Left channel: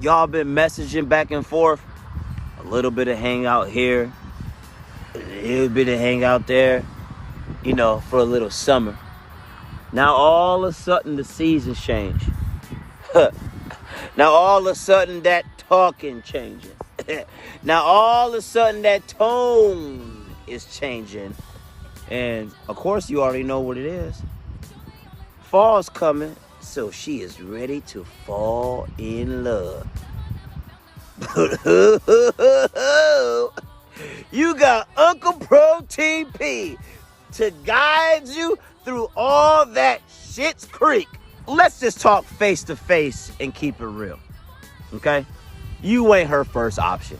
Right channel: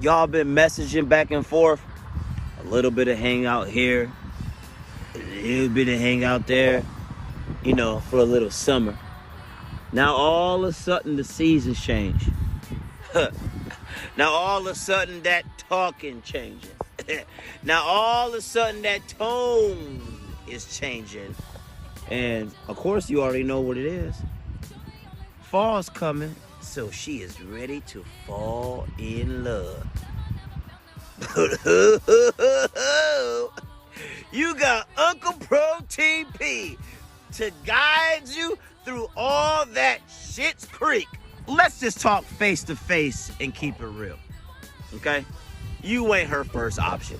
Y'all been messaging back and forth. A little bit of hangout here, a little bit of hangout there, for a little summer. Now all of a sudden the seasons change. Now all of a sudden that talking changes. Now all of a sudden that tone is changing. And of course you already know what it is. Fall's coming, so she is ready to fall in love. You got Uncle Protein P to guide you through all that shit's creek. Let's just talk face to face and keep it real, okay? You ain't her first option.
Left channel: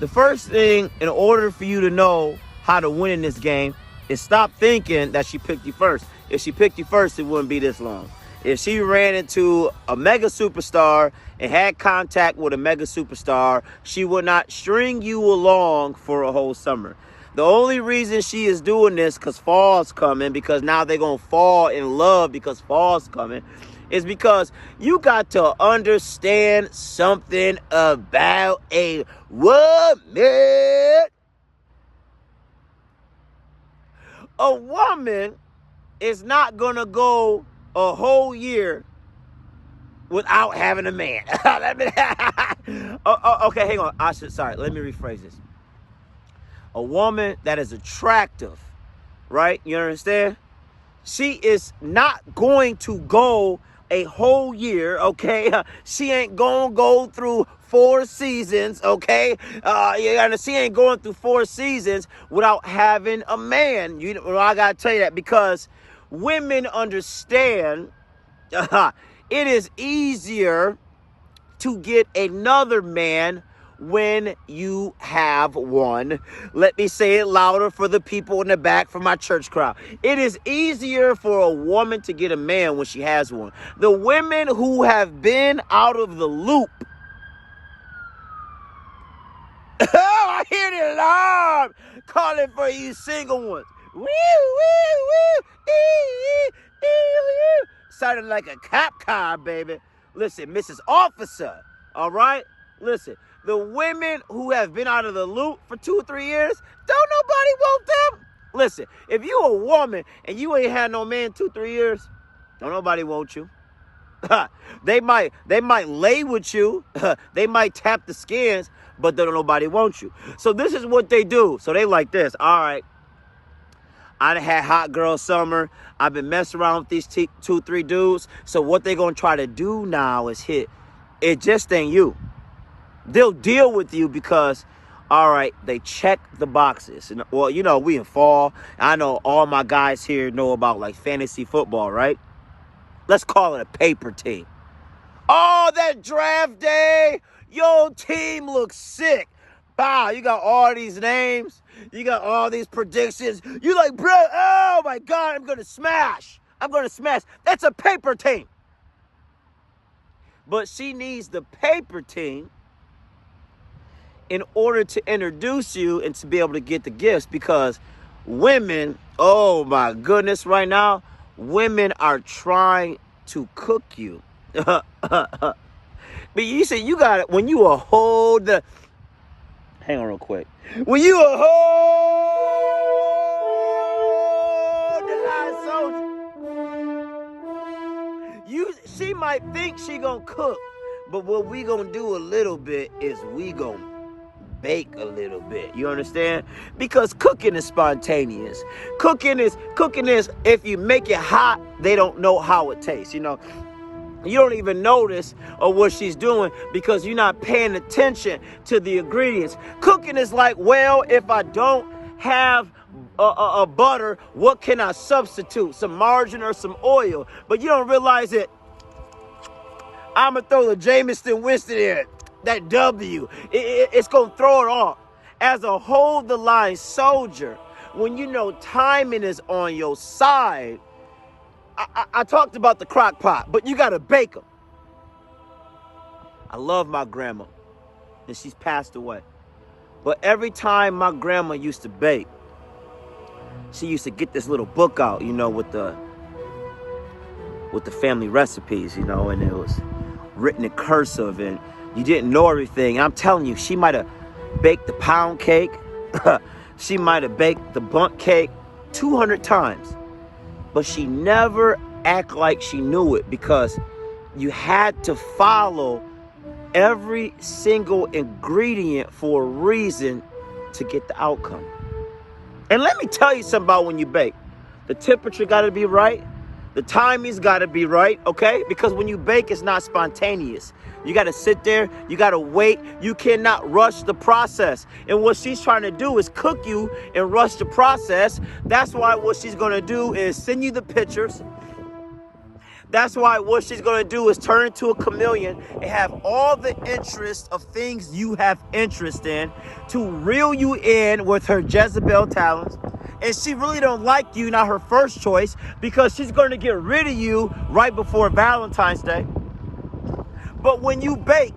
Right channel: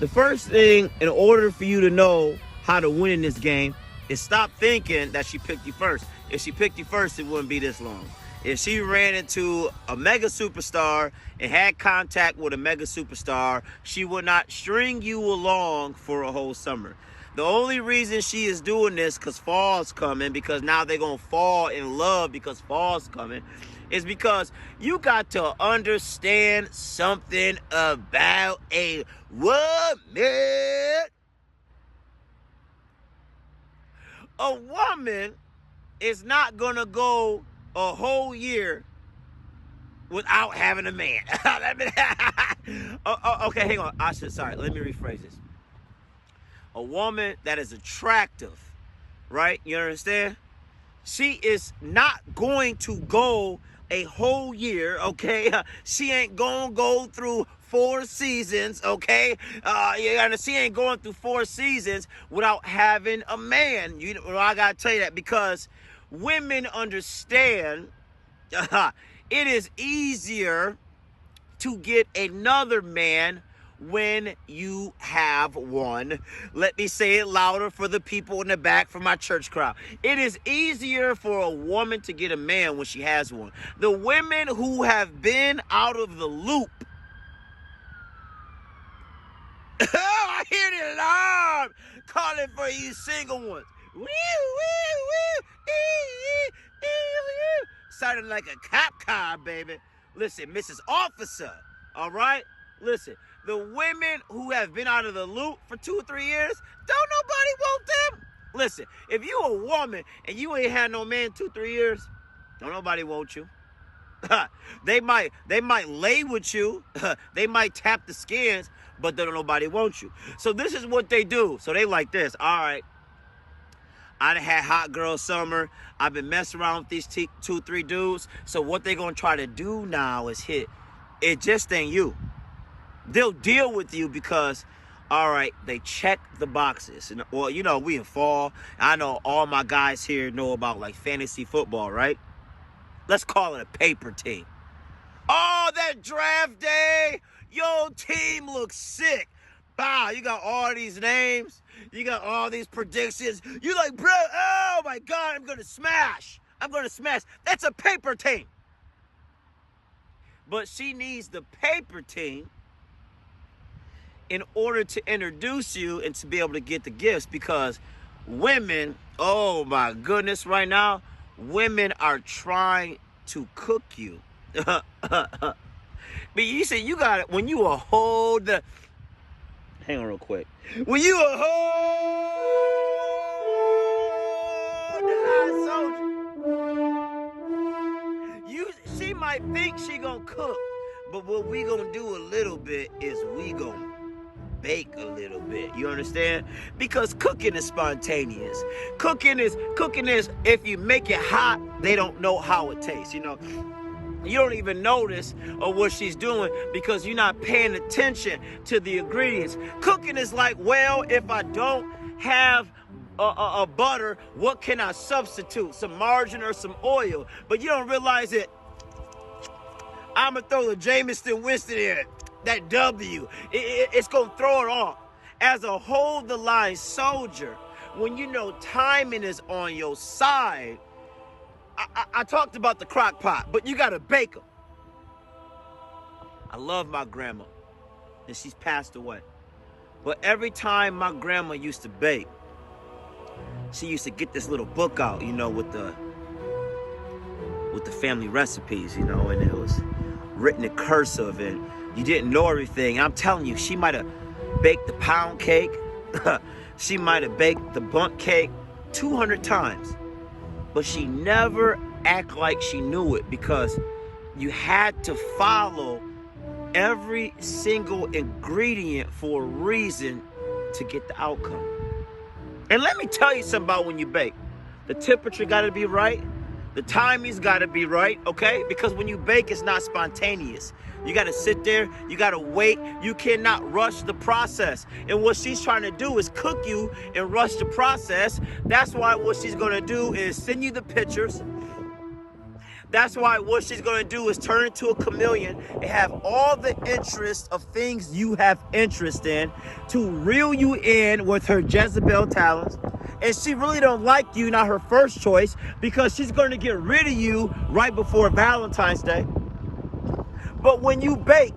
The first thing, in order for you to know how to win in this game, is stop thinking that she picked you first. If she picked you first, it wouldn't be this long. If she ran into a mega superstar and had contact with a mega superstar, she would not string you along for a whole summer. The only reason she is doing this, because fall's coming, because now they're going to fall in love because fall's coming, is because you got to understand something about a woman. A woman is not going to go a whole year without having a man. Okay, hang on. Let me rephrase this. A woman that is attractive, right? You understand? She is not going to go a whole year, okay? She ain't gonna go through 4 seasons, okay? She ain't going through 4 seasons without having a man. I gotta tell you that because women understand it is easier to get another man when you have one. Let me say it louder for the people in the back, for my church crowd. It is easier for a woman to get a man when she has one. The women who have been out of the loop. Oh, I hear the alarm calling for you single ones. Woo, woo, woo, sounding like a cop car, baby. Listen, Mrs. Officer, all right? Listen, the women who have been out of the loop for 2 or 3 years, don't nobody want them. Listen, if you a woman and you ain't had no man 2, 3 years, don't nobody want you. They might lay with you. They might tap the skins, but don't nobody want you. So this is what they do. So they like this. All right. I done had hot girl summer. I've been messing around with these 2, 3 dudes. So what they gonna try to do now is hit. It just ain't you. They'll deal with you because, all right, they check the boxes. And, well, we in fall. I know all my guys here know about like fantasy football, right? Let's call it a paper team. Oh, that draft day, your team looks sick. Wow, you got all these names. You got all these predictions. You like, bro, oh my God, I'm going to smash. That's a paper team. But she needs the paper team in order to introduce you and to be able to get the gifts, because women, oh my goodness, right now, women are trying to cook you. But you see, you got it when you a whole. Hang on real quick. When you a whole soldier, she might think she gonna cook, but what we gonna do a little bit is we gonna bake a little bit. You understand? Because cooking is spontaneous. Cooking is if you make it hot, they don't know how it tastes. You don't even notice what she's doing because you're not paying attention to the ingredients. Cooking is like, well, if I don't have a butter, what can I substitute? Some margarine or some oil. But you don't realize it. I'm going to throw the Jameson Winston in. That W. It's going to throw it off. As a hold-the-line soldier, when you know timing is on your side, I talked about the crock pot, but you got to bake them. I love my grandma, and she's passed away. But every time my grandma used to bake, she used to get this little book out, with the family recipes, and it was written in cursive and you didn't know everything. I'm telling you, she might have baked the pound cake. She might have baked the bundt cake 200 times. But she never act like she knew it, because you had to follow every single ingredient for a reason to get the outcome. And let me tell you something about when you bake. The temperature got to be right. The timing's got to be right, okay? Because when you bake, it's not spontaneous. You got to sit there. You got to wait. You cannot rush the process. And what she's trying to do is cook you and rush the process. That's why what she's going to do is send you the pictures. That's why what she's going to do is turn into a chameleon and have all the interest of things you have interest in to reel you in with her Jezebel talents. And she really don't like you, not her first choice, because she's going to get rid of you right before Valentine's Day. But when you bake,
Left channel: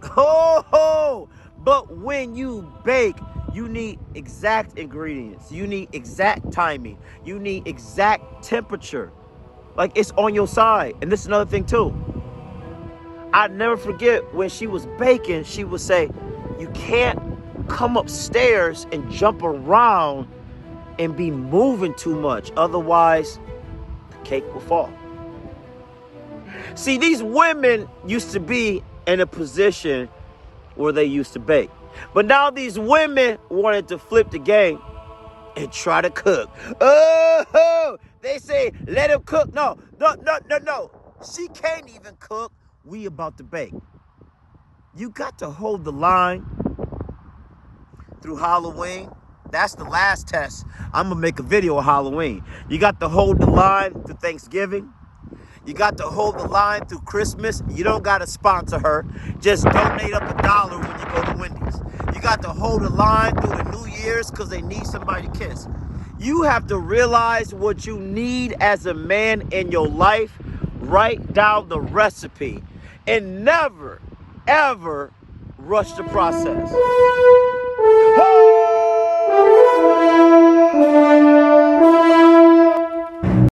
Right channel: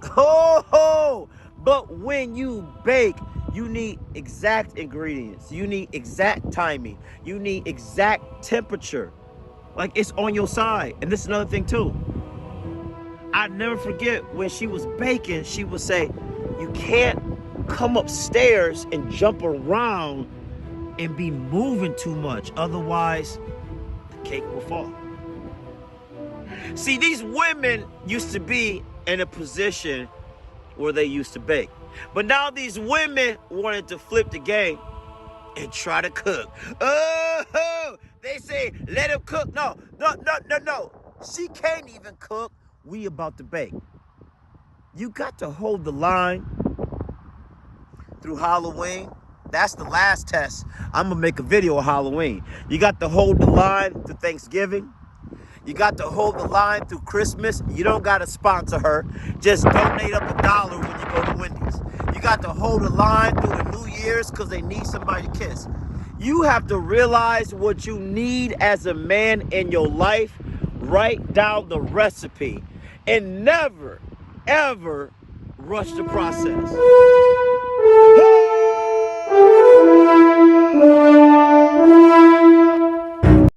but when you bake, you need exact ingredients. You need exact timing. You need exact temperature. Like, it's on your side. And this is another thing too. I never forget when she was baking, she would say, you can't come upstairs and jump around and be moving too much. Otherwise, the cake will fall. See, these women used to be in a position where they used to bake. But now these women wanted to flip the game and try to cook. Oh, they say, let him cook. No. She can't even cook. We about to bake. You got to hold the line through Halloween. That's the last test. I'm going to make a video of Halloween. You got to hold the line through Thanksgiving. You got to hold the line through Christmas. You don't got to sponsor her. Just donate up $1 when you go to Wendy's. You got to hold the line through the New Year's because they need somebody to kiss. You have to realize what you need as a man in your life. Write down the recipe and never, ever rush the process.